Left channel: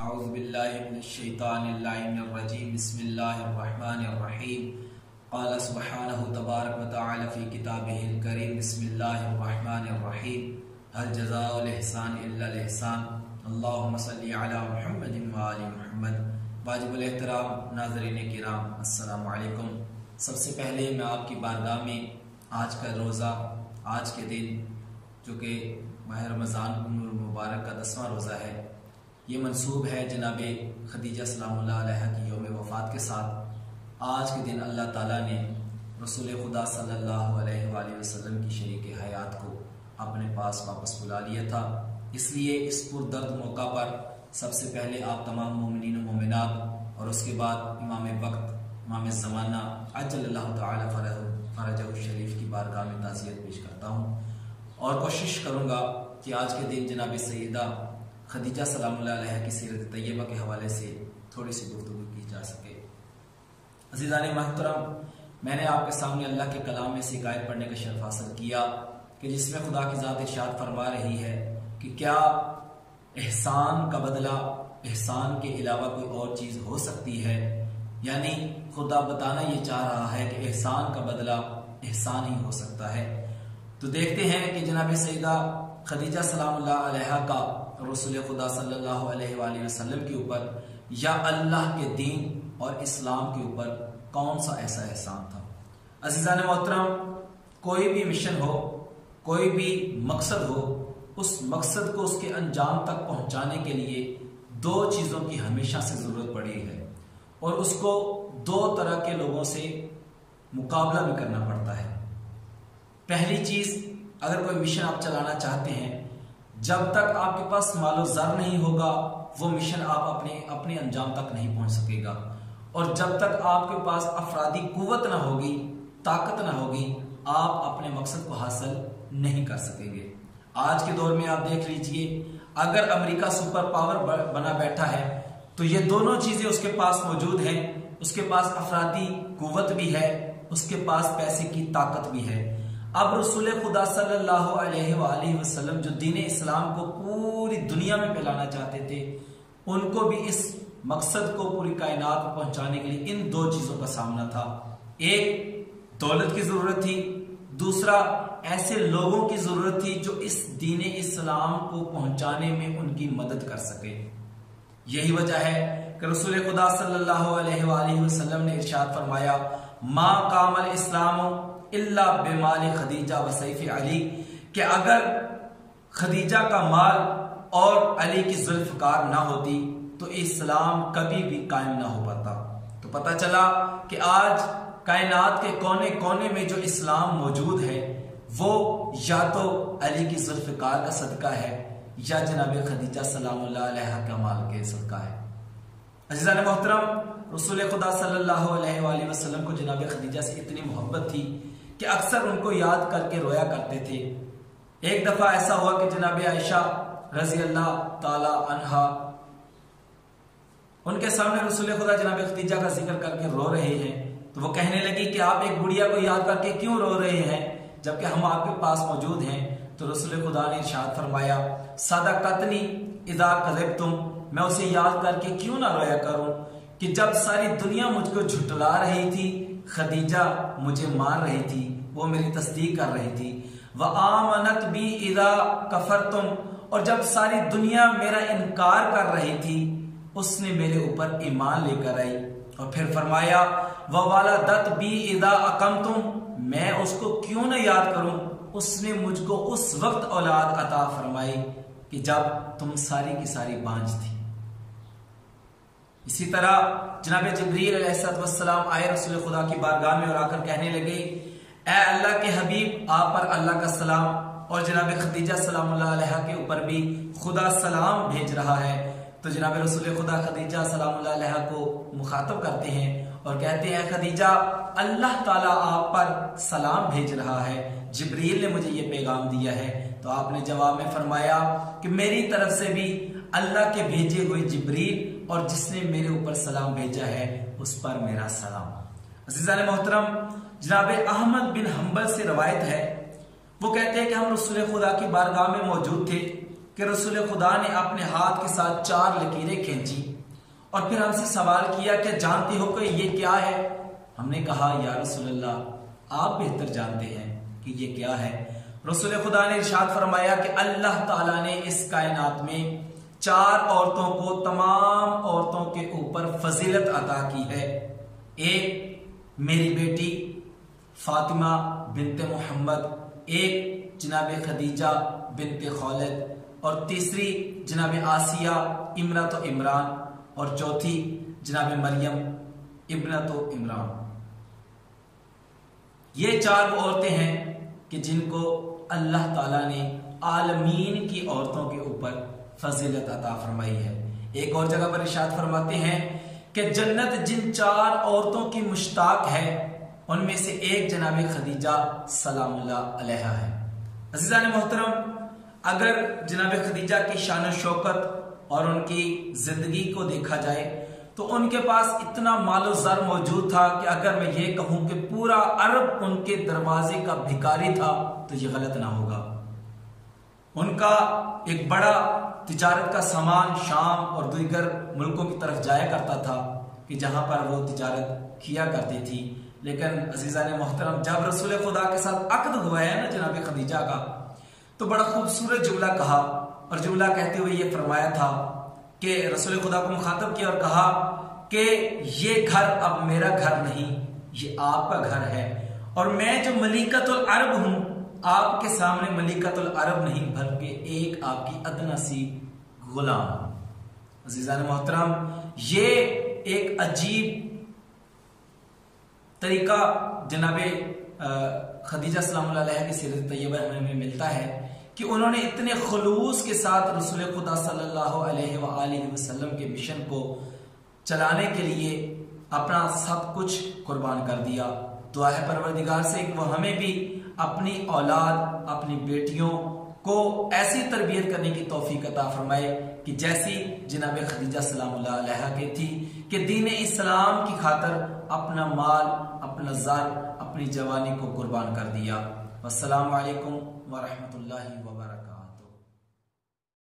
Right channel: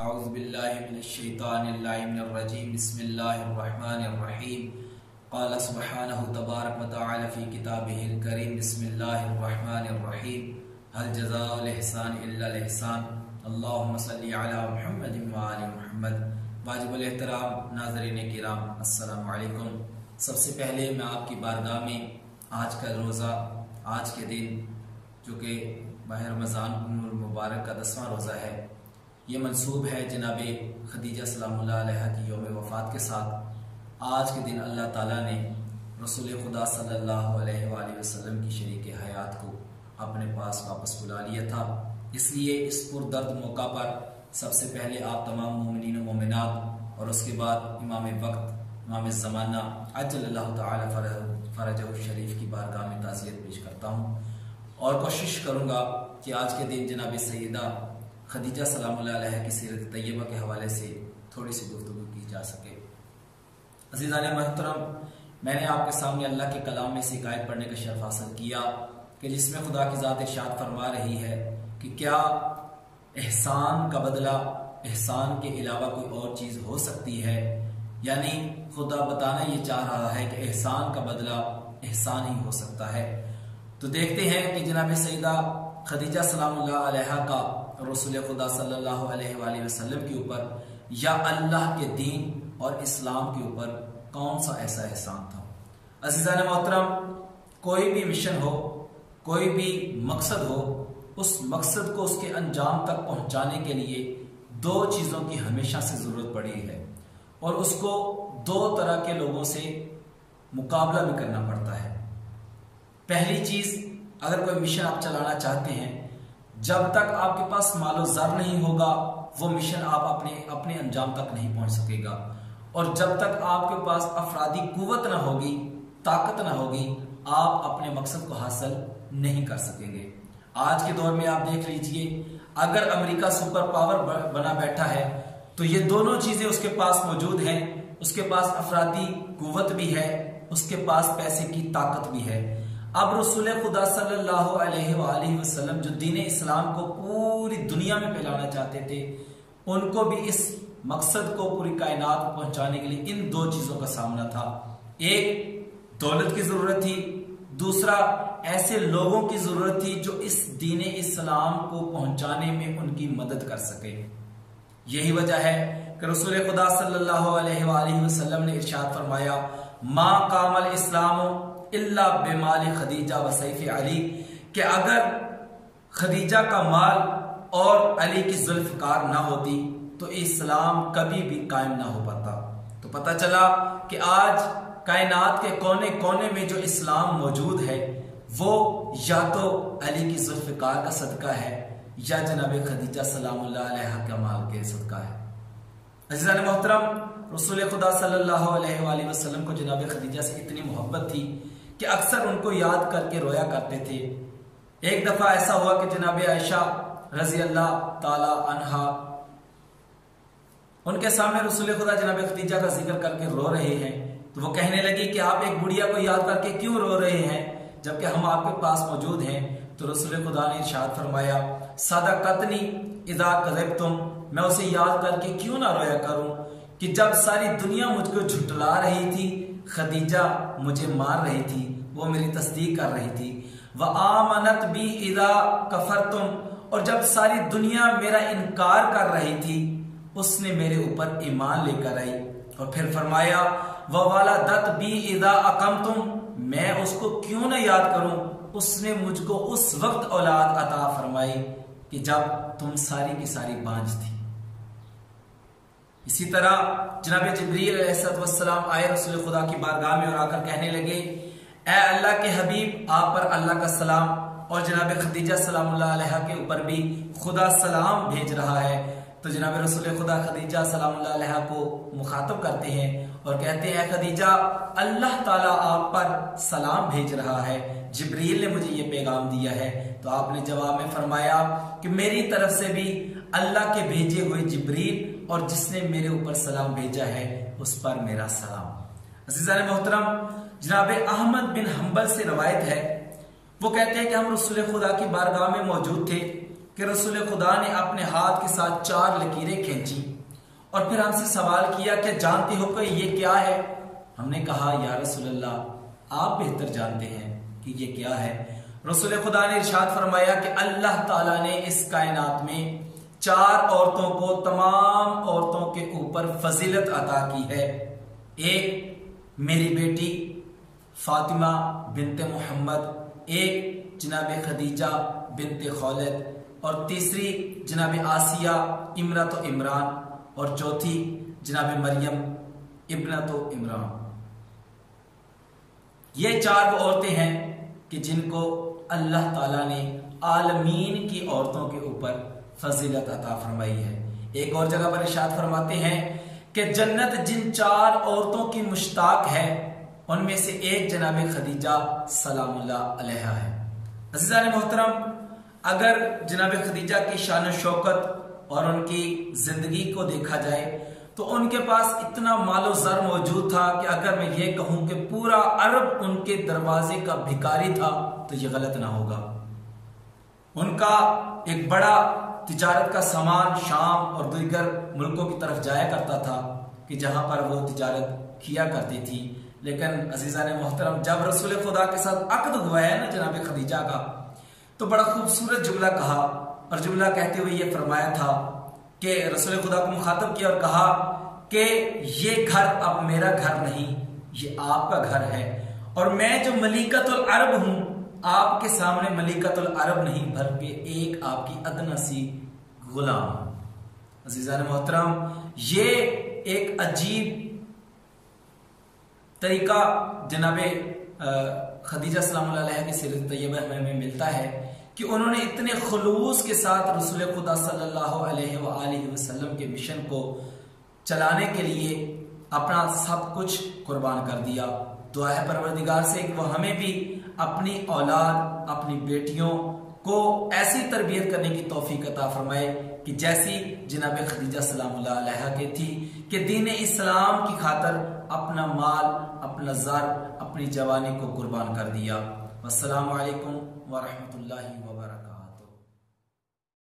औज़ुबिल्लाहिमिनश्शैतानिर्रजीम बिस्मिल्लाहिर्रहमानिर्रहीम क़ाल सुब्हानहु तबारक व तआला फ़ी किताबिहिल करीम बिस्मिल्लाहिर्रहमानिर्रहीम हल जज़ाउल इहसान इल्लल इहसान अल्लाहुम्मा सल्लि अला मुहम्मदिन व आलि मुहम्मद। वाजिबुल एहतराम नाज़रीन किराम, अस्सलामु अलैकुम। सबसे पहले मैं आपकी बारगाह में आज का रोज़ा, आज के दिन जो कि माह रमज़ान मुबारक का 10वां रोज़ा है, ये मंसूब है जनाब खदीजा सलामुल्लाह अलैहा की यौम वफ़ात के साथ। आज के दिन अल्लाह ताला ने रसूल खुदा सल्लल्लाहु अलैहि वसल्लम की शरीक हयात को अपने पास वापस बुला लिया था। इसलिए इस पुरदर्द मौका पर सबसे पहले आप तमाम मोमिनीन व मोमिनात और उसके बाद इमाम वक्त, इमाम ज़माना अज्जलल्लाहु ताला फ़रजहु शरीफ की बारगाह में ताज़ियत पेश करता हूँ और कोशिश करूँगा कि आज के दिन जनाब सैयदा खदीजा सलामुल्लाह अलैहा की सीरत तैयबा के हवाले से थोड़ी सी गुफ्तगू की जा सके। अज़ीज़ान मोहतरम, मैंने आपके सामने अल्लाह के कलाम में से एक आयत पढ़ने का शर्फ हासिल किया कि जिसमें खुदा की ज़ात इरशाद फरमा रही है कि क्या एहसान का बदला एहसान के अलावा कोई और चीज़ हो सकती है। यानी खुदा बताना ये चाह रहा है कि एहसान का बदला एहसान ही हो सकता है। तो देखते हैं कि जनाब सैयदा खदीजा सलामुल्लाह अलैहा का रसूल खुदा सल्लल्लाहु अलैहि वसल्लम के ऊपर या अल्लाह के दीन और इस्लाम के ऊपर कौन सा ऐसा एहसान था। अज़ीज़ान मोहतरम, कोई भी मिशन हो, कोई भी मकसद हो, उस मकसद को उसके अंजाम तक पहुंचाने के लिए दो चीज़ों की हमेशा से ज़रूरत पड़ी है और उसको दो तरह के लोगों से मुकाबला भी करना पड़ता है। पहली चीज़, अगर कोई मिशन आप चलाना चाहते हैं, जब तक आपके पास मालो ज़र नहीं होगा वो मिशन आप अपने अंजाम तक नहीं पहुंच सकेगा। और जब तक आपके पास अफरादी कुव्वत ना होगी, ताकत ना होगी, आप अपने मकसद को हासिल नहीं कर सकेंगे। आज के दौर में आप देख लीजिए, अगर अमेरिका सुपर पावर बना बैठा है तो ये दोनों चीज़ें उसके पास मौजूद हैं। उसके पास अफरादी कुव्वत भी है, उसके पास पैसे की ताकत भी है। अब रसूल खुदा सल्लल्लाहु अलैहि वसल्लम जो दीन इस्लाम को पूरी दुनिया में फैलाना चाहते थे, उनको भी इस मकसद को पूरी कायनात में पहुंचाने के लिए इन दो चीज़ों का सामना था। एक, दौलत की ज़रूरत थी, दूसरा ऐसे लोगों की ज़रूरत थी जो इस दीन इस्लाम को पहुंचाने में उनकी मदद कर सके। यही वजह है कि रसूल खुदा सल्लल्लाहु अलैहि वसल्लम ने इरशाद फरमाया, मा कामल इस्लाम इल्ला बेमाल खदीजा व सैफ अली, कि अगर खदीजा का माल और अली की जुल्फ़कार ना होती तो इस्लाम कभी भी कायम ना हो पाता। तो पता चला कि आज कायनात के कोने कोने में जो इस्लाम मौजूद है वो या तो अली की जुल्फ़कार का सदका है या जनाब खदीजा सलामुल्लाह अलैहा का माल के सदका है। अज़ीज़ान मोहतरम, रसूल खुदा सल्लल्लाहु अलैहि वसल्लम को जनाब खदीजा से इतनी मोहब्बत थी कि अक्सर उनको याद करके रोया करते थे। एक दफा ऐसा हुआ कि जनाब आयशा रजी अल्लाह ताला अन्हा उनके सामने रसूल खुदा जनाब खदीजा का जिक्र करके रो रहे हैं, तो वो कहने लगी कि आप एक बुढ़िया को याद करके क्यों रो रहे हैं जबकि हम आपके पास मौजूद हैं। तो रसूल खुदा ने इरशाद फरमाया, सदक़तनी इज़ा कज़बतुम, मैं उसे याद करके क्यों ना रोया करूं कि जब सारी दुनिया मुझको झुटला रही थी, खदीजा मुझे मार रही थी, वो मेरी तस्दीक कर रही थी। व आमनत बी इज़ा कफरतुम, और जब सारी दुनिया मेरा इनकार कर रही थी उसने मेरे ऊपर ईमान लेकर आई। और फिर फरमाया, व वलदत बी इज़ा अक़मतुम, मैं उसको क्यों न याद करूं, उसने मुझको उस वक्त औलाद अता फरमाई कि जब तुम सारी की सारी बांझ थी। इसी तरह जनाब जिब्रील अलैहिस्सलाम आए रसूल खुदा की बारगाह में और आकर कहने लगे, ए अल्लाह के हबीब, आप पर अल्लाह का सलाम और जनाब खदीजा सलामुल्लाह अलैहा के ऊपर भी खुदा सलाम भेज रहा है। तो जनाब रसूल खुदा खदीजा सलामुल्लाह अलैहा को मुखातब करते हैं और कहते हैं, खदीजा, अल्लाह ताला आप पर सलाम भेज रहा है, जिब्रील ने मुझे ये पैगाम दिया है। तो आपने जवाब में फरमाया कि मेरी तरफ से भी अल्लाह के भेजे हुए जिब्रील और जिसने मेरे ऊपर सलाम भेजा है उस पर मेरा सलाम। अज़ीज़ान मोहतरम, जनाब अहमद बिन हम्बल से रवायत है, वो कहते हैं कि हम रसूल खुदा की बारगाह में मौजूद थे कि रसूल खुदा ने अपने हाथ के साथ 4 लकीरें खींची और फिर हमसे सवाल किया कि जानते हो कि ये क्या है? हमने कहा या रसूलल्लाह आप बेहतर जानते हैं कि ये क्या है। रसूल खुदा ने इरशाद फरमाया कि अल्लाह ताला ने इस कायनात में 4 औरतों को तमाम औरतों के ऊपर फजीलत अता की है। एक मेरी बेटी फातिमा बिनते मोहम्मद, एक जनाब खदीजा बिनते खौलद, और तीसरी जनाब आसिया इमरत इमरान, और चौथी जनाब मरियम इब्नत इमरान। ये 4 वो औरतें हैं कि जिनको अल्लाह ताला ने आलमीन की औरतों के ऊपर फजीलत अता फरमाई है। एक और जगह पर इरशाद फरमाते हैं कि जन्नत जिन 4 औरतों की मुश्ताक है उनमें से एक जनाब खदीजा सलामुल्लाह अलैहा है। अज़ीज़ान मोहतरम, अगर जनाब खदीजा की शान शौकत और उनकी जिंदगी को देखा जाए तो उनके पास इतना मालो ज़र मौजूद था कि अगर मैं ये कहूं कि पूरा अरब उनके दरवाजे का भिखारी था तो ये गलत ना होगा। उनका एक बड़ा तिजारत का सामान शाम और दीगर मुल्कों की तरफ जाया करता था कि जहां पर वो तिजारत किया करती थी। लेकिन अजीज़ान मोहतरम, जब रसूल खुदा के साथ अक्द हुआ है ना जनाब खदीजा का, तो बड़ा खूबसूरत जुमला कहा, और जुमला कहते हुए ये फरमाया था कि रसूल खुदा को मुखातब किया और कहा कि ये घर अब मेरा घर नहीं, ये आपका घर है, और मैं जो मलिकतुल अरब हूं आपके सामने मलिकतुल अरब नहीं बल्कि एक आपकी अदना सी गुलाम। अजीज़ान मोहतरम, ये एक अजीब तरीका जनाबे खदीजा सलामुल्लाह अलैहा की सीरत तैयबा में मिलता है कि उन्होंने इतने खुलूस के साथ रसूल खुदा सल्लल्लाहु अलैहि वसल्लम के मिशन को चलाने के लिए अपना सब कुछ कुर्बान कर दिया। दुआ है परवरदिगार से कि वो हमें भी अपनी औलाद, अपनी बेटियों को ऐसी तरबियत करने की तौफीक अता फरमाए कि जैसी जनाब खदीजा सलामुल्लाह अलैहा की थी कि दीन इस्लाम की खातर अपना माल, अपना ज़र, अपनी जवानी को कुर्बान कर दिया। वस्सलामु अलैकुम व रहमतुल्लाहि व बरकातहू।